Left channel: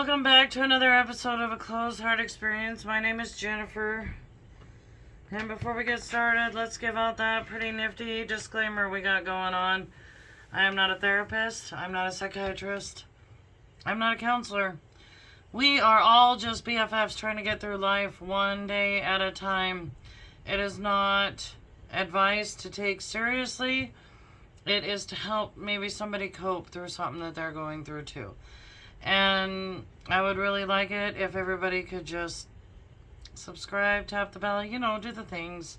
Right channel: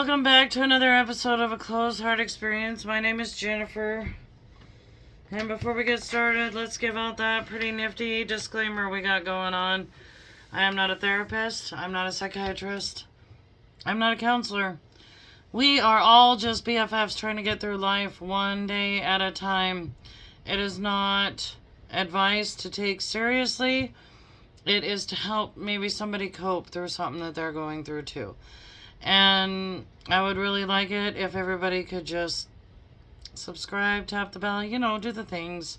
Welcome back to another episode of A Closed Heart Experience. My name is Jennifer. And before we get started, let's give out that pretty nifty disclaimer we got going on. I am not a therapist. I'm not a psychiatrist. I'm not a counselor. We are all just BFFs trying to get through life one day at a time. It is not advice to take seriously. It is to help maybe somebody cope through something that they're going through too. And I would really like it if everybody could just subscribe, tap the bell, do the things.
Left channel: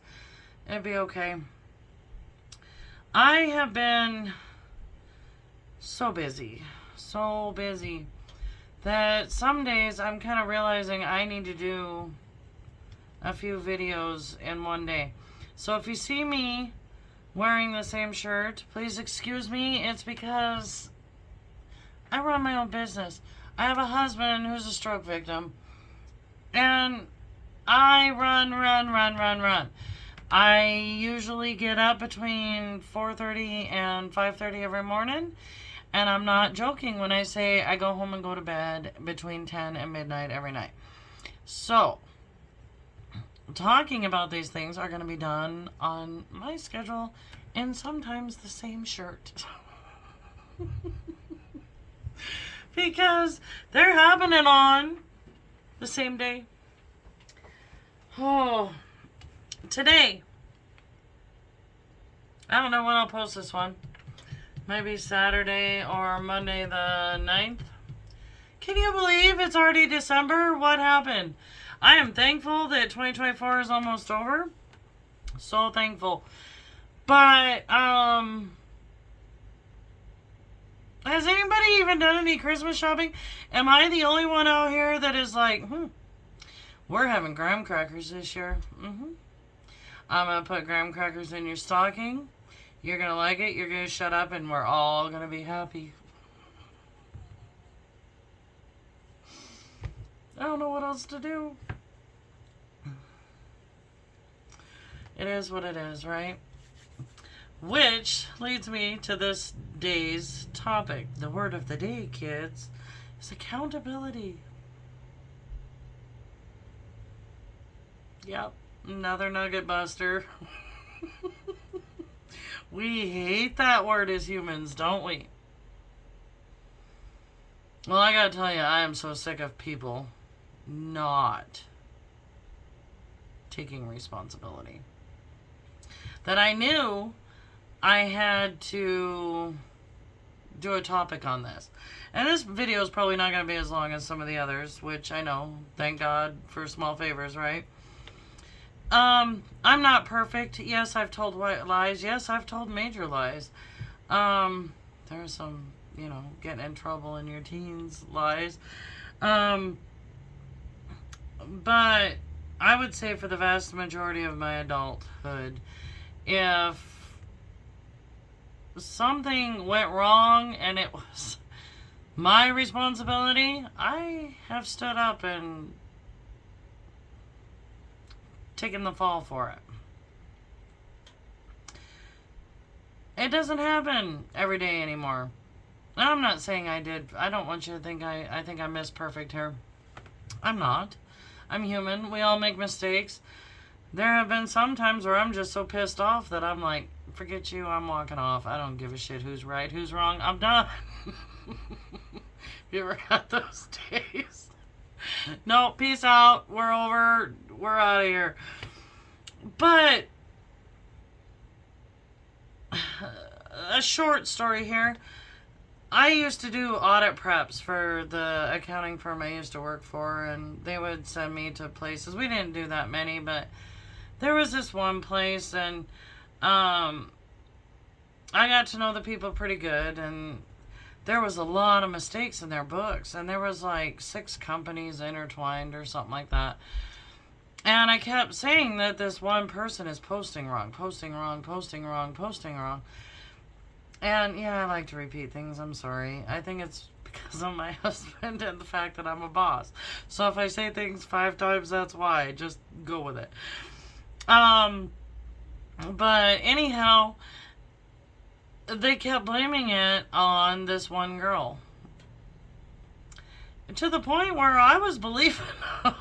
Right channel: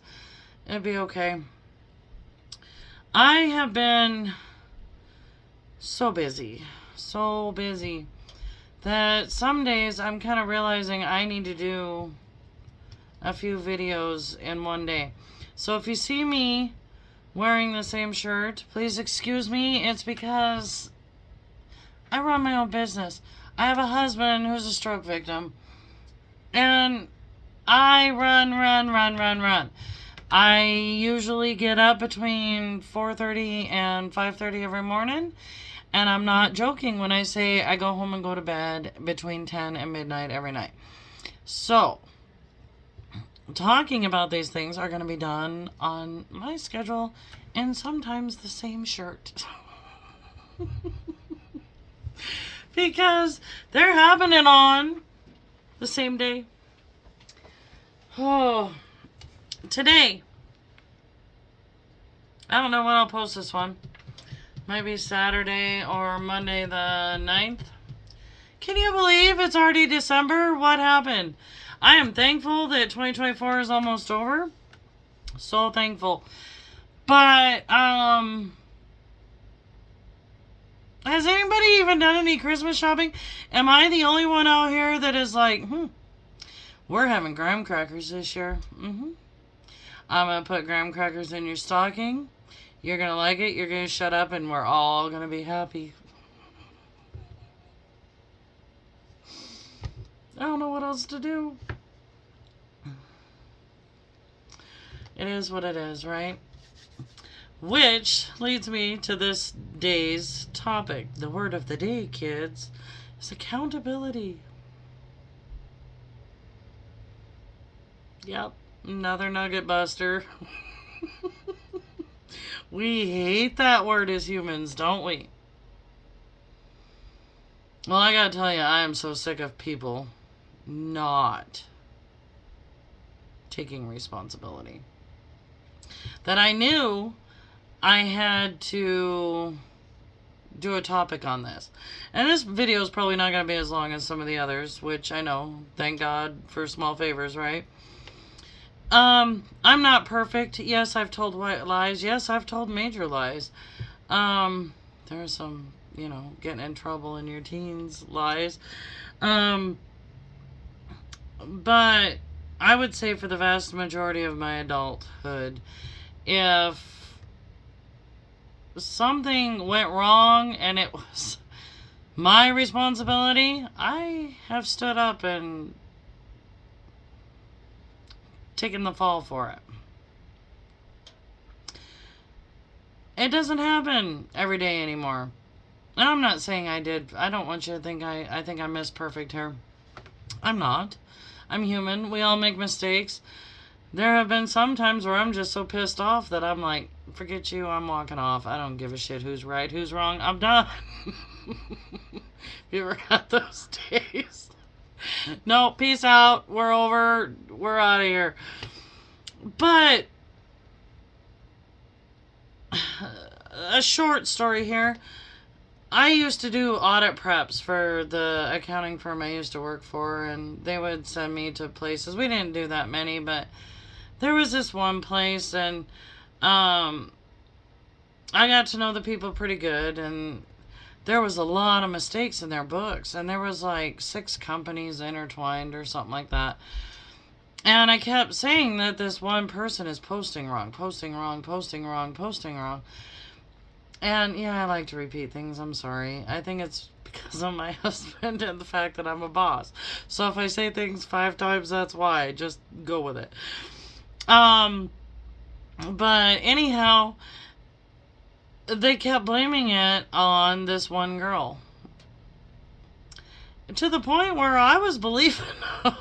It'd be okay. I have been so busy that some days I'm kind of realizing I need to do a few videos in one day. So if you see me wearing the same shirt, please excuse me. It's because I run my own business. I have a husband who's a stroke victim. And I run. I usually get up between 4:30 and 5:30 every morning. And I'm not joking when I say I go home and go to bed between 10 and midnight every night. So, talking about these things are going to be done on my schedule and sometimes the same shirt. Because they're happening on the same day. Oh, today. I don't know when I'll post this one. Maybe Saturday or Monday the 9th. Can you believe it's already December? What happened? I am thankful that 2024 is almost over. So thankful. But, has anybody even done any Christmas shopping? Am I the only one out here that is like, we're having graham crackers this year. I'm going to put graham crackers in your stocking. You're going to like it. You're going to shut up and we're all going to be happy. I don't know what else to do. It is what it is, right? Which leads me to this day's topic. The word of the day, kids, is accountability. Yep, another nugget buster. We hate that word as humans, don't we? Well, I gotta tell you, I am so sick of people not taking responsibility that I knew I had to do a topic on this. And this video is probably not going to be as long as some of the others, which I know, thank God for small favors, right? I'm not perfect. Yes, I've told white lies. Yes, I've told major lies. There's some, getting in trouble in your teens lies. But I would say for the vast majority of my adulthood, if something went wrong and it was my responsibility, I have stood up and taken the fall for it. It doesn't happen every day anymore. And I'm not saying I did. I don't want you to think I think I'm Miss Perfect here. I'm not. I'm human. We all make mistakes. There have been some times where I'm just so pissed off that I'm like, forget you, I'm walking off. I don't give a shit who's right, who's wrong. I'm done. You ever had those days? No, peace out. We're over. We're out of here. But a short story here. I used to do audit preps for the accounting firm I used to work for, and they would send me to places. We didn't do that many, but there was this one place, and I got to know the people pretty good, and there was a lot of mistakes in their books, and there was like 6 companies intertwined or something like that. And I kept saying that this one person is posting wrong. And yeah, I like to repeat things. I'm sorry. I think it's because of my husband and the fact that I'm a boss. So if I say things 5 times, that's why. Just go with it. But anyhow, they kept blaming it on this one girl. to the point where I was believing them.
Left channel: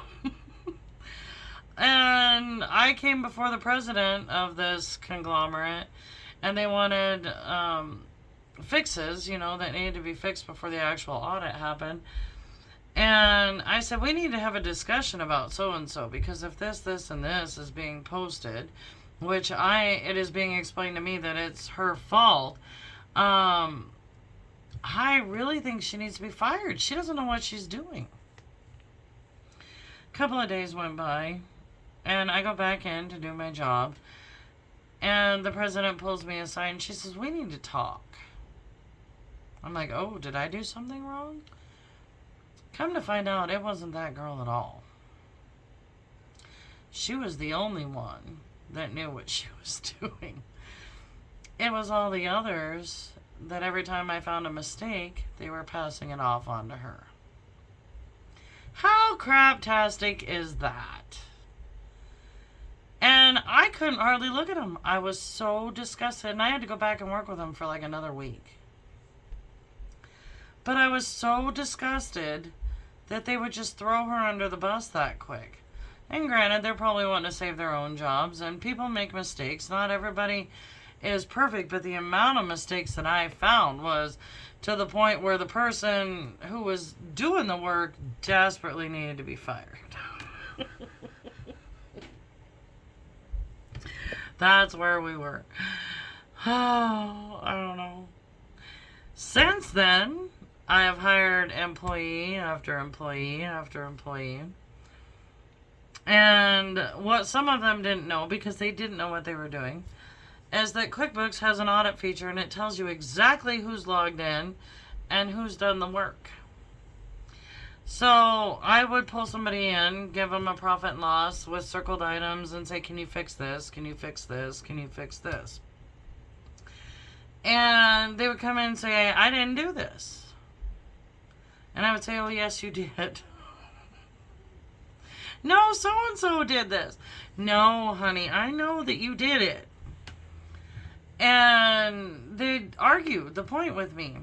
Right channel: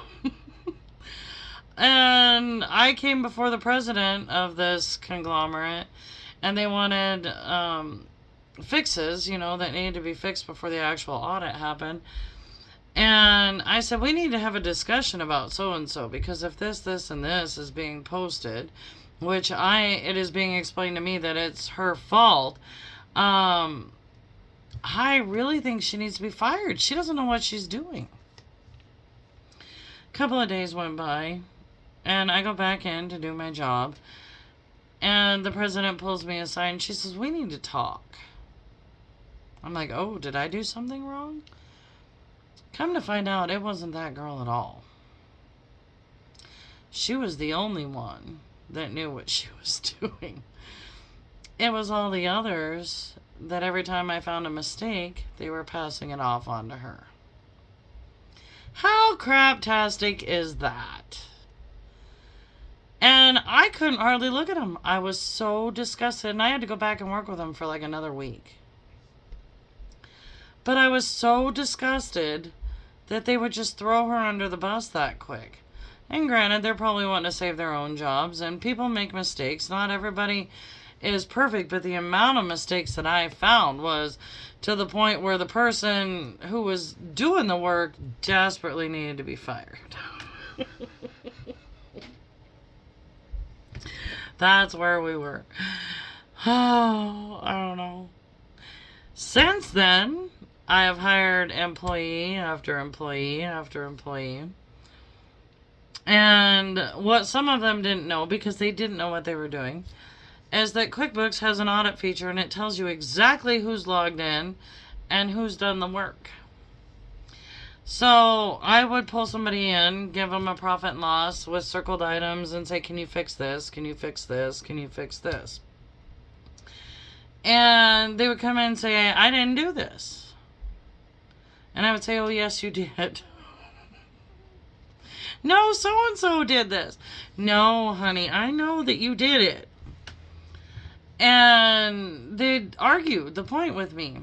And I came before the president of this conglomerate, and they wanted fixes, that needed to be fixed before the actual audit happened. And I said, we need to have a discussion about so-and-so, because if this, and this is being posted, which it is being explained to me that it's her fault, I really think she needs to be fired. She doesn't know what she's doing. A couple of days went by, and I go back in to do my job, and the president pulls me aside, and she says, we need to talk. I'm like, oh, did I do something wrong? Come to find out, it wasn't that girl at all. She was the only one that knew what she was doing. It was all the others that every time I found a mistake, they were passing it off onto her. How craptastic is that? And I couldn't hardly look at him. I was so disgusted, and I had to go back and work with him for like another week. But I was so disgusted that they would just throw her under the bus that quick. And granted, they're probably wanting to save their own jobs, and people make mistakes. Not everybody is perfect, but the amount of mistakes that I found was to the point where the person who was doing the work desperately needed to be fired. That's where we were. Oh, I don't know. Since then, I have hired employee after employee after employee. And what some of them didn't know, because they didn't know what they were doing, is that QuickBooks has an audit feature, and it tells you exactly who's logged in and who's done the work. So I would pull somebody in, give them a profit and loss with circled items, and say, can you fix this? Can you fix this? Can you fix this? And they would come in and say, I didn't do this. And I would say, oh, yes, you did. No, so-and-so did this. No, honey, I know that you did it. And they'd argue the point with me.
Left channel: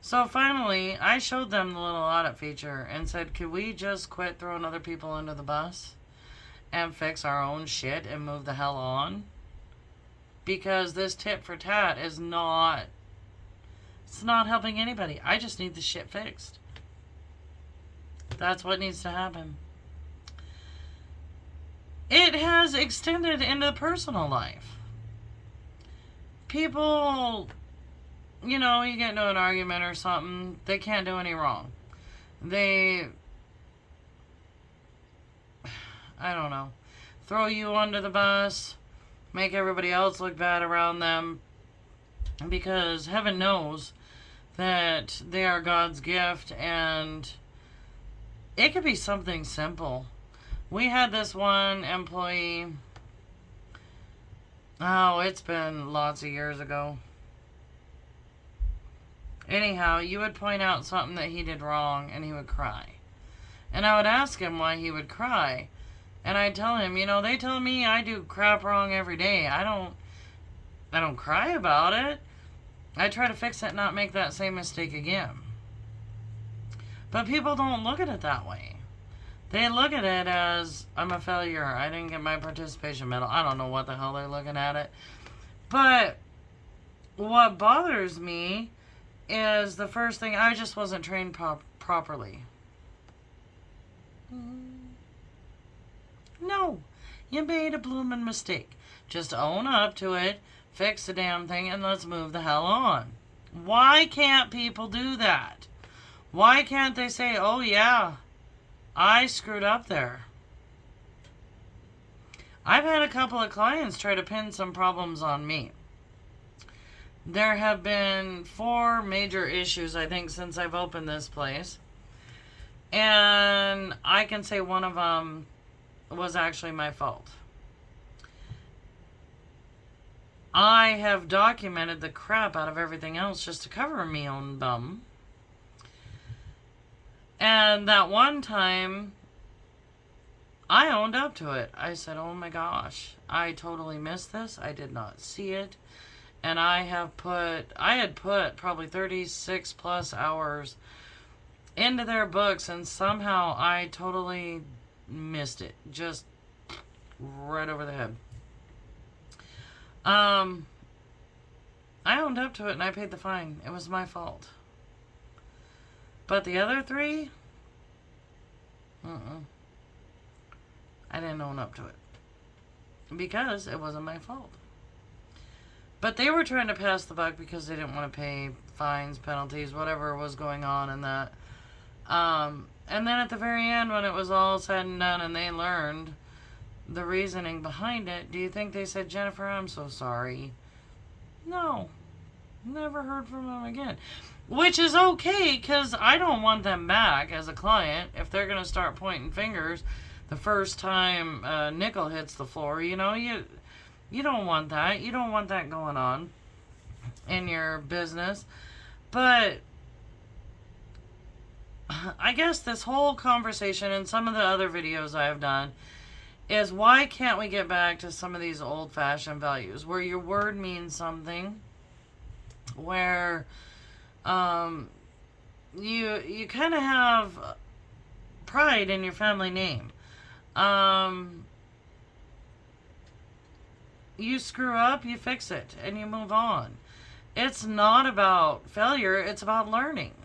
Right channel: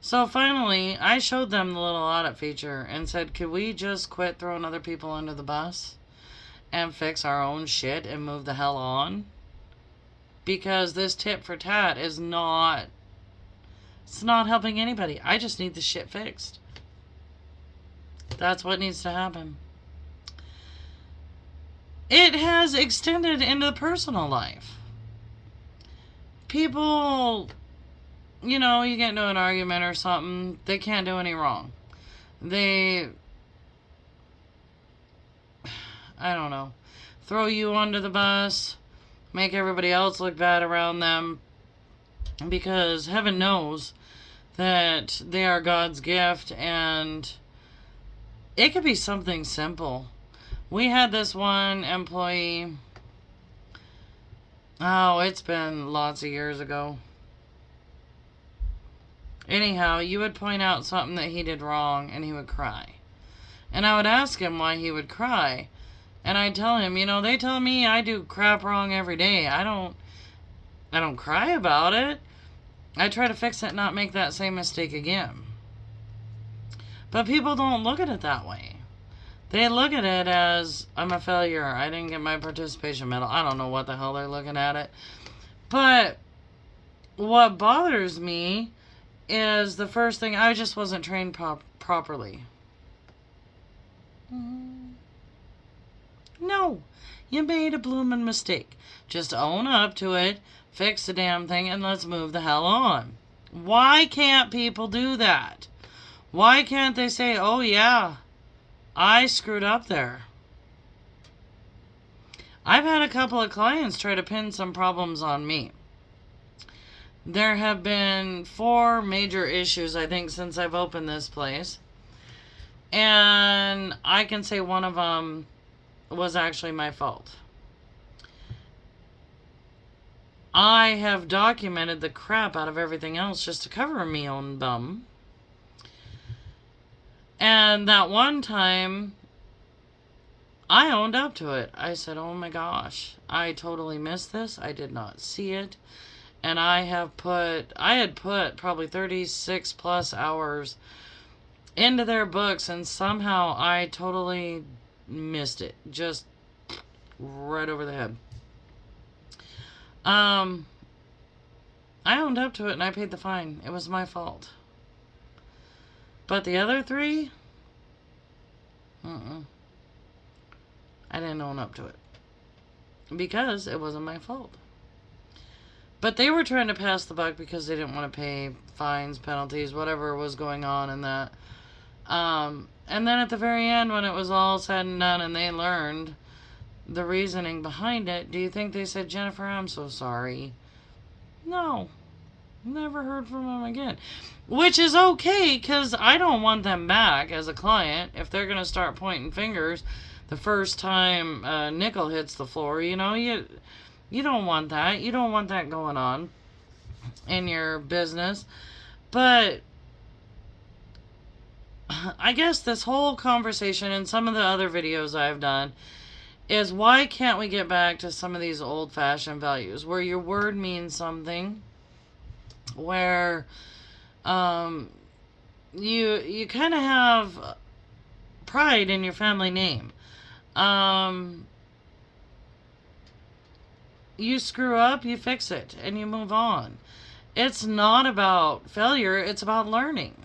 So finally, I showed them the little audit feature and said, could we just quit throwing other people under the bus and fix our own shit and move the hell on? Because this tit for tat is not... It's not helping anybody. I just need the shit fixed. That's what needs to happen. It has extended into the personal life. People, you get into an argument or something, they can't do any wrong. I don't know, throw you under the bus, make everybody else look bad around them, because heaven knows that they are God's gift, and it could be something simple. We had this one employee, it's been lots of years ago. Anyhow, you would point out something that he did wrong, and he would cry. And I would ask him why he would cry. And I'd tell him, they tell me I do crap wrong every day. I don't cry about it. I try to fix it and not make that same mistake again. But people don't look at it that way. They look at it as, I'm a failure. I didn't get my participation medal. I don't know what the hell they're looking at it. But what bothers me is the first thing, I just wasn't trained properly. No, you made a blooming mistake. Just own up to it, fix the damn thing, and let's move the hell on. Why can't people do that? Why can't they say, oh yeah, I screwed up there? I've had a couple of clients try to pin some problems on me. There have been 4 major issues, I think, since I've opened this place. And I can say one of them was actually my fault. I have documented the crap out of everything else just to cover me own bum. And that one time, I owned up to it. I said, oh my gosh, I totally missed this. I did not see it. And I had put probably 36 plus hours into their books, and somehow I totally missed it. Just right over the head. I owned up to it and I paid the fine. It was my fault. But the other three, I didn't own up to it. Because it wasn't my fault. But they were trying to pass the buck because they didn't want to pay fines, penalties, whatever was going on in that. And then at the very end, when it was all said and done and they learned the reasoning behind it, do you think they said, Jennifer, I'm so sorry? No. Never heard from them again. Which is okay, because I don't want them back as a client. If they're going to start pointing fingers the first time a nickel hits the floor, you know, you don't want that. You don't want that going on in your business. But I guess this whole conversation and some of the other videos I've done is, why can't we get back to some of these old-fashioned values where your word means something, where you kind of have pride in your family name. You screw up, you fix it, and you move on. It's not about failure, it's about learning.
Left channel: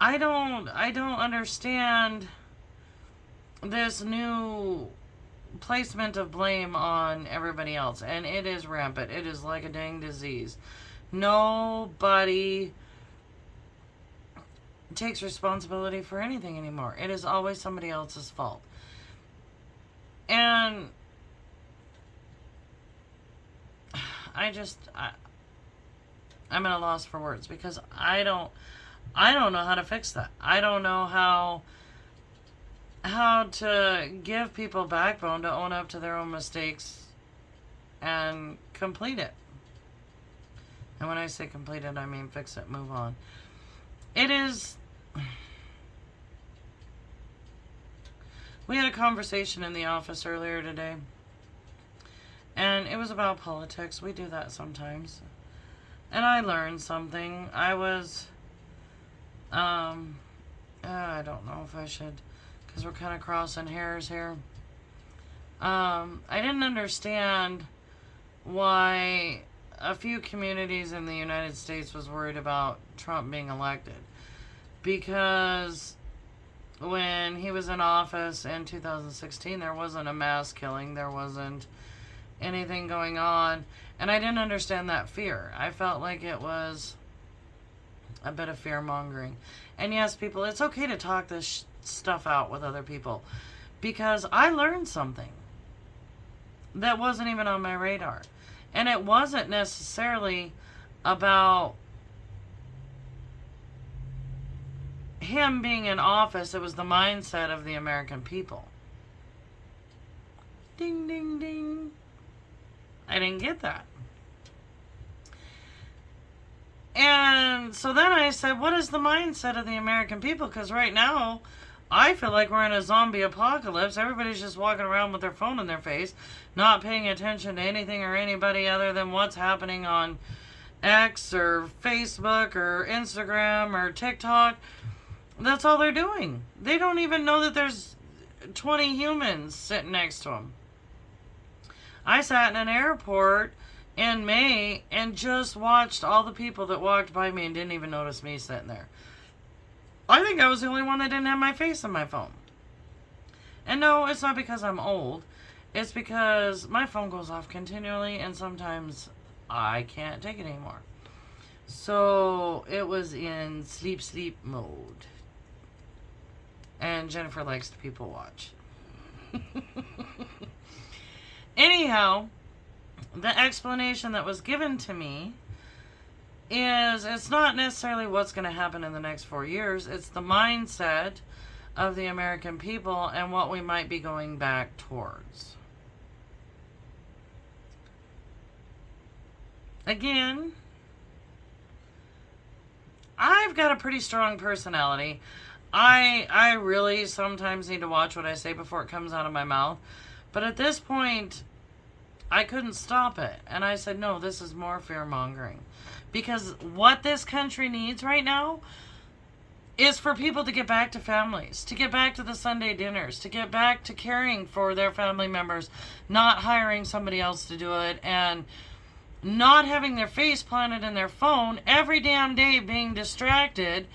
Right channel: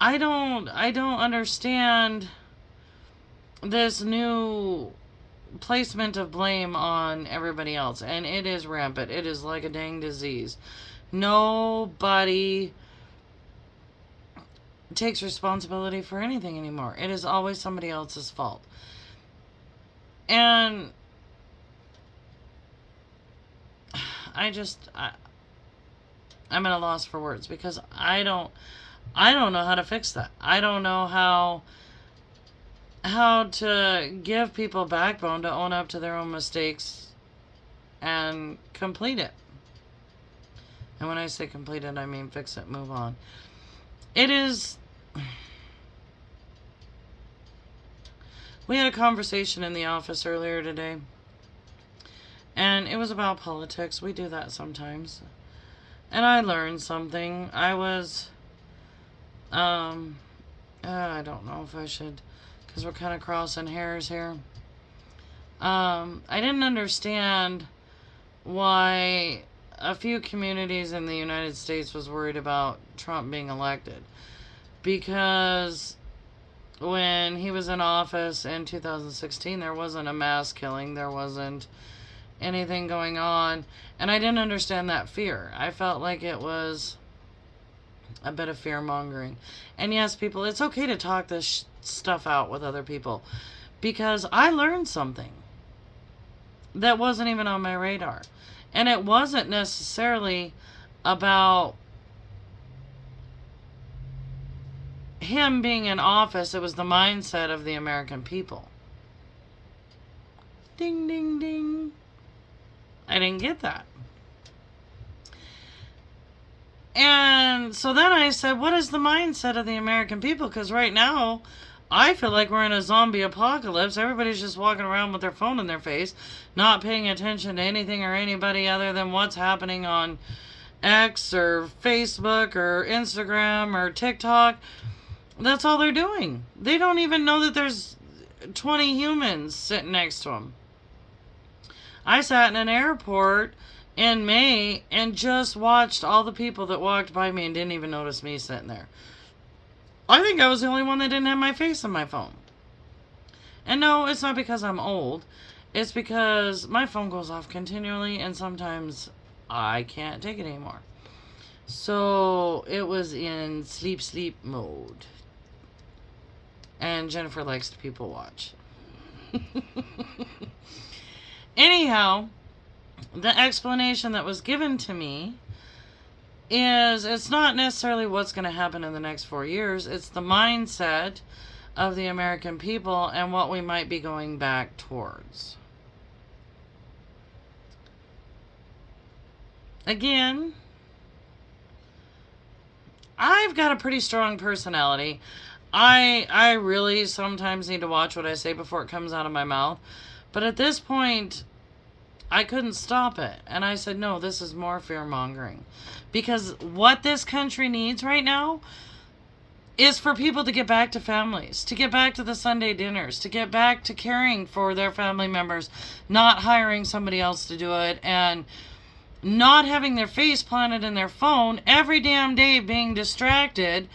I don't understand this new placement of blame on everybody else, and it is rampant. It is like a dang disease. Nobody takes responsibility for anything anymore. It is always somebody else's fault. And I'm at a loss for words, because I don't know how to fix that. I don't know how to give people backbone to own up to their own mistakes and complete it. And when I say complete it, I mean fix it, move on. It is... We had a conversation in the office earlier today, and it was about politics. We do that sometimes. And I learned something. I was... I don't know if I should... because we're kind of crossing hairs here. I didn't understand why a few communities in the United States was worried about Trump being elected. Because when he was in office in 2016, there wasn't a mass killing. There wasn't anything going on. And I didn't understand that fear. I felt like it was a bit of fear-mongering. And yes, people, it's okay to talk this stuff out with other people, because I learned something that wasn't even on my radar. And it wasn't necessarily about him being in office. It was the mindset of the American people. Ding, ding, ding. I didn't get that. And so then I said, what is the mindset of the American people? Because right now, I feel like we're in a zombie apocalypse. Everybody's just walking around with their phone in their face, not paying attention to anything or anybody other than what's happening on X or Facebook or Instagram or TikTok. That's all they're doing. They don't even know that there's 20 humans sitting next to them. I sat in an airport in May and just watched all the people that walked by me and didn't even notice me sitting there. I think I was the only one that didn't have my face on my phone. And no, it's not because I'm old. It's because my phone goes off continually, and sometimes I can't take it anymore. So it was in sleep mode. And Jennifer likes to people watch. Anyhow, the explanation that was given to me is, it's not necessarily what's going to happen in the next 4 years. It's the mindset of the American people and what we might be going back towards. Again, I've got a pretty strong personality. I really sometimes need to watch what I say before it comes out of my mouth. But at this point, I couldn't stop it. And I said, no, this is more fear-mongering. Because what this country needs right now is for people to get back to families, to get back to the Sunday dinners, to get back to caring for their family members, not hiring somebody else to do it, and not having their face planted in their phone every damn day, being distracted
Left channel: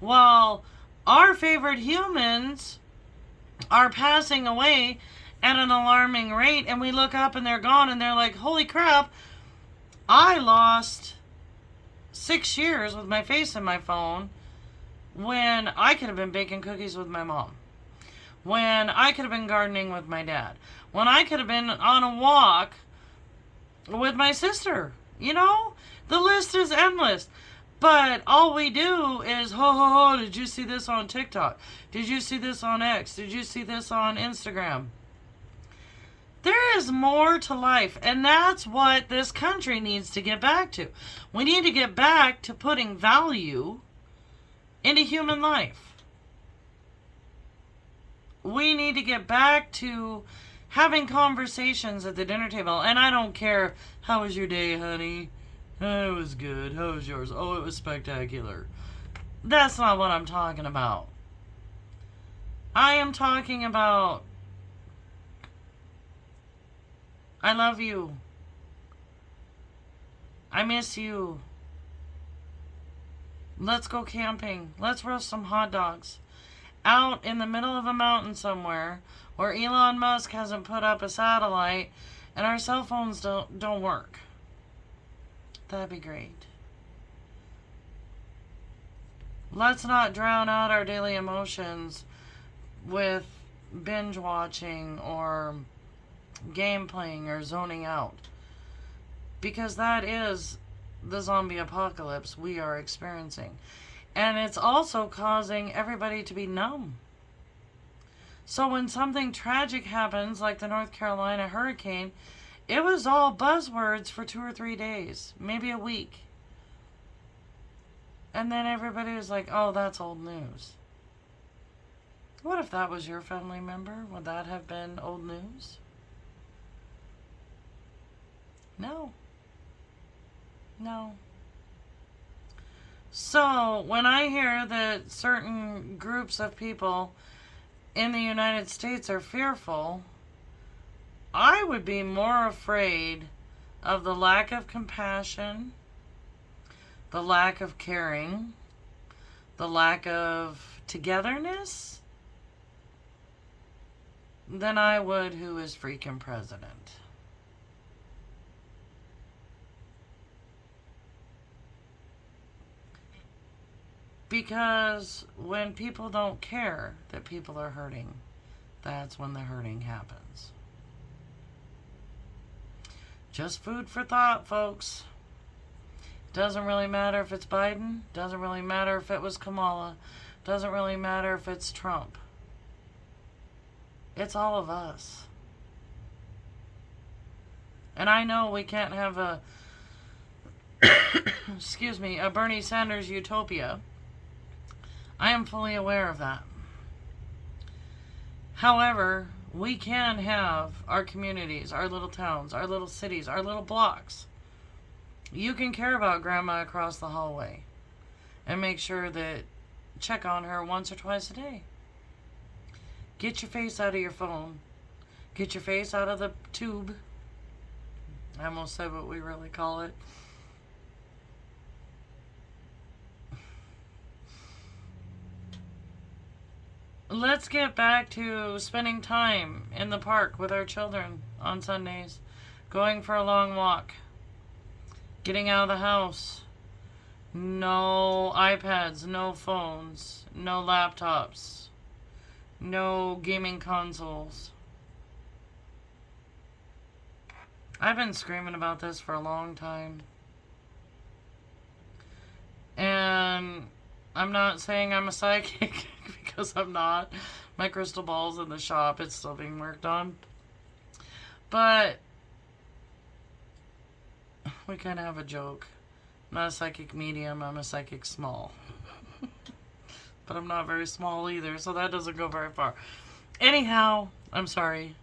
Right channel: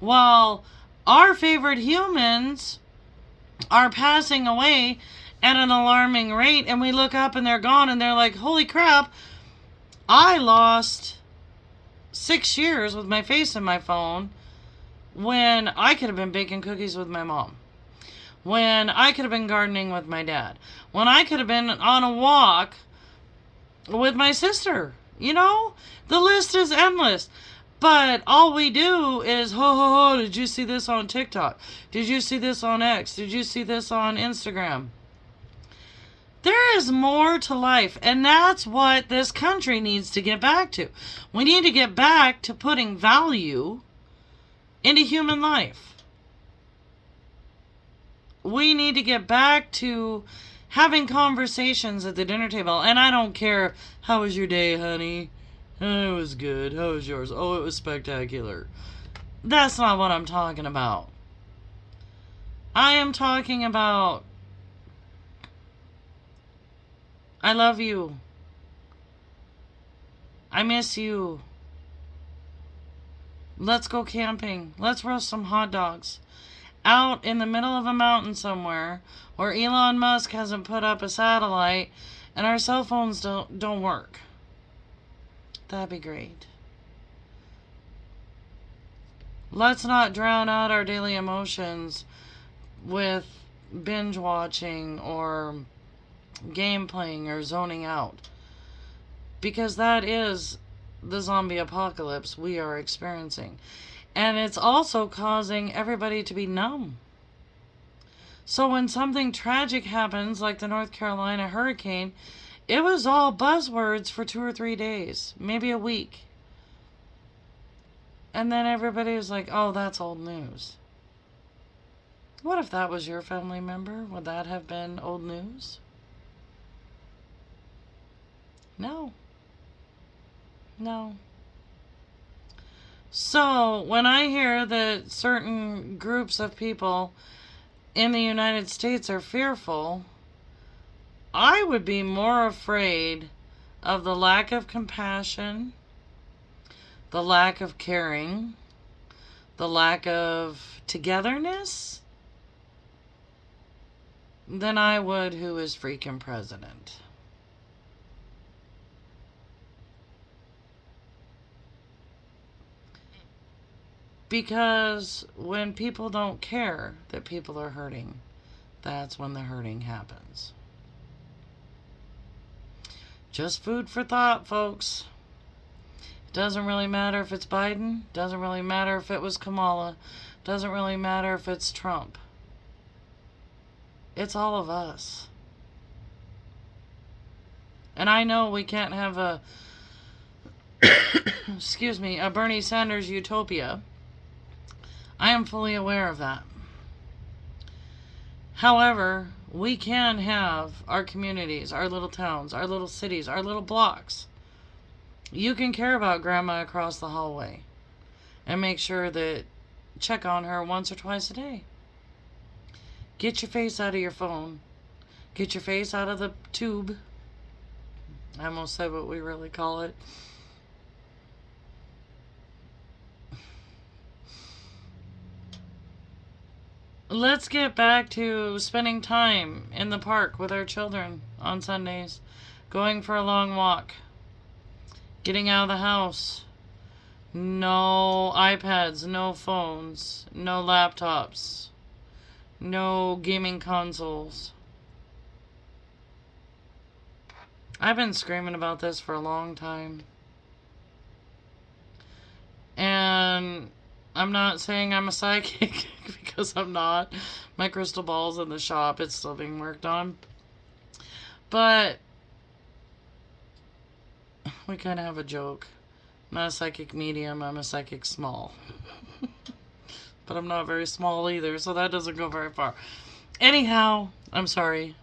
while our favorite humans are passing away at an alarming rate, and we look up and they're gone, and they're like, holy crap, I lost 6 years with my face in my phone when I could have been baking cookies with my mom, when I could have been gardening with my dad, when I could have been on a walk with my sister. You know, the list is endless. But all we do is, ho, ho, ho, did you see this on TikTok? Did you see this on X? Did you see this on Instagram? There is more to life, and that's what this country needs to get back to. We need to get back to putting value into human life. We need to get back to having conversations at the dinner table. And I don't care, how was your day, honey? Oh, it was good. How was yours? Oh, it was spectacular. That's not what I'm talking about. I am talking about, I love you. I miss you. Let's go camping. Let's roast some hot dogs out in the middle of a mountain somewhere where Elon Musk hasn't put up a satellite and our cell phones don't work. That'd be great. Let's not drown out our daily emotions with binge watching or game playing or zoning out. Because that is the zombie apocalypse we are experiencing. And it's also causing everybody to be numb. So when something tragic happens, like the North Carolina hurricane, it was all buzzwords for 2 or 3 days, maybe a week. And then everybody was like, oh, that's old news. What if that was your family member? Would that have been old news? No. No. So, when I hear that certain groups of people in the United States are fearful, I would be more afraid of the lack of compassion, the lack of caring, the lack of togetherness, than I would who is freaking president. Because when people don't care that people are hurting, that's when the hurting happens. Just food for thought, folks. Doesn't really matter if it's Biden. Doesn't really matter if it was Kamala. Doesn't really matter if it's Trump. It's all of us. And I know we can't have a excuse me, a Bernie Sanders utopia. I am fully aware of that. However, we can have our communities, our little towns, our little cities, our little blocks. You can care about grandma across the hallway and make sure that check on her once or twice a day. Get your face out of your phone. Get your face out of the tube. I almost said what we really call it. Let's get back to spending time in the park with our children on Sundays, going for a long walk, getting out of the house. No iPads, no phones, no laptops, no gaming consoles. I've been screaming about this for a long time. And I'm not saying I'm a psychic because I'm not. My crystal ball's in the shop. It's still being worked on. But we kind of have a joke. I'm not a psychic medium. I'm a psychic small. But I'm not very small either, so that doesn't go very far. Anyhow, I'm sorry.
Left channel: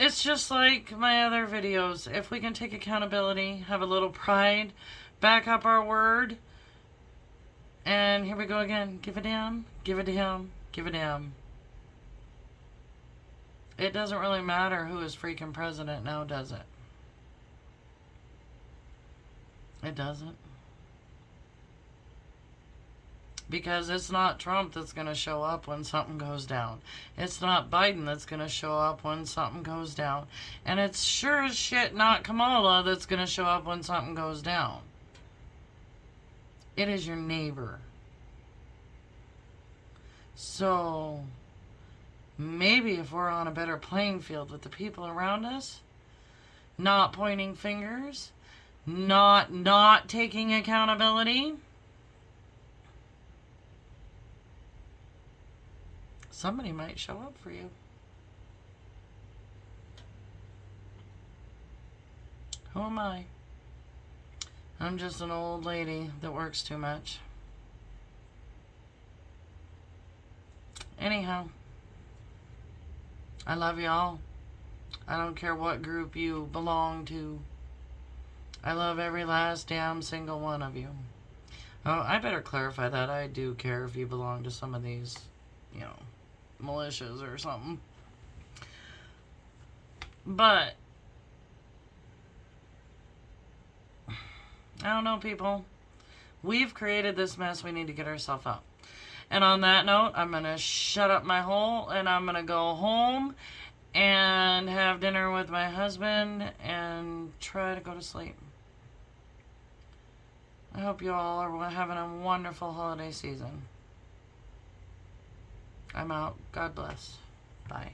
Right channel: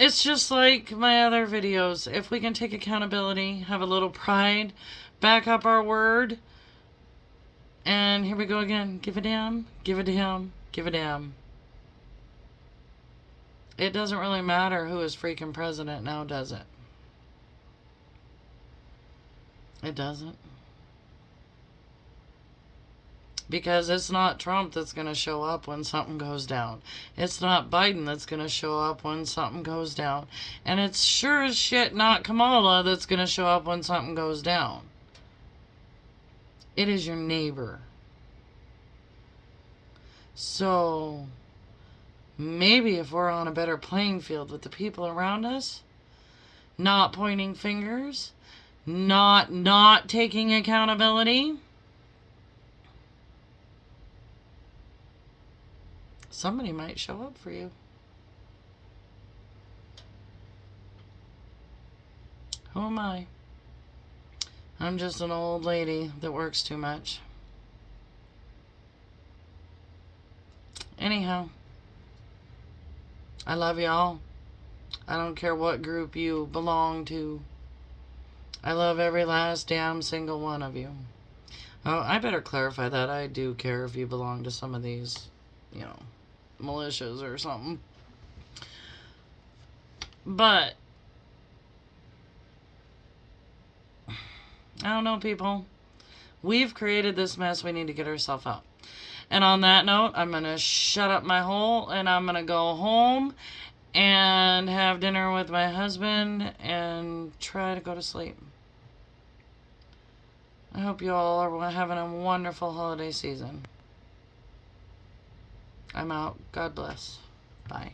it's just like my other videos. If we can take accountability, have a little pride, back up our word, and here we go again. Give a damn, give a damn, give a damn. It doesn't really matter who is freaking president now, does it? It doesn't. Because it's not Trump that's going to show up when something goes down. It's not Biden that's going to show up when something goes down. And it's sure as shit not Kamala that's going to show up when something goes down. It is your neighbor. So, maybe if we're on a better playing field with the people around us, not pointing fingers, not taking accountability, somebody might show up for you. Who am I? I'm just an old lady that works too much. Anyhow, I love y'all. I don't care what group you belong to. I love every last damn single one of you. Oh, I better clarify that. I do care if you belong to some of these, you know, militias or something. But I don't know, people. We've created this mess. We need to get ourselves out. And on that note, I'm going to shut up my hole and I'm going to go home and have dinner with my husband and try to go to sleep. I hope you all are having a wonderful holiday season. I'm out. God bless. Bye.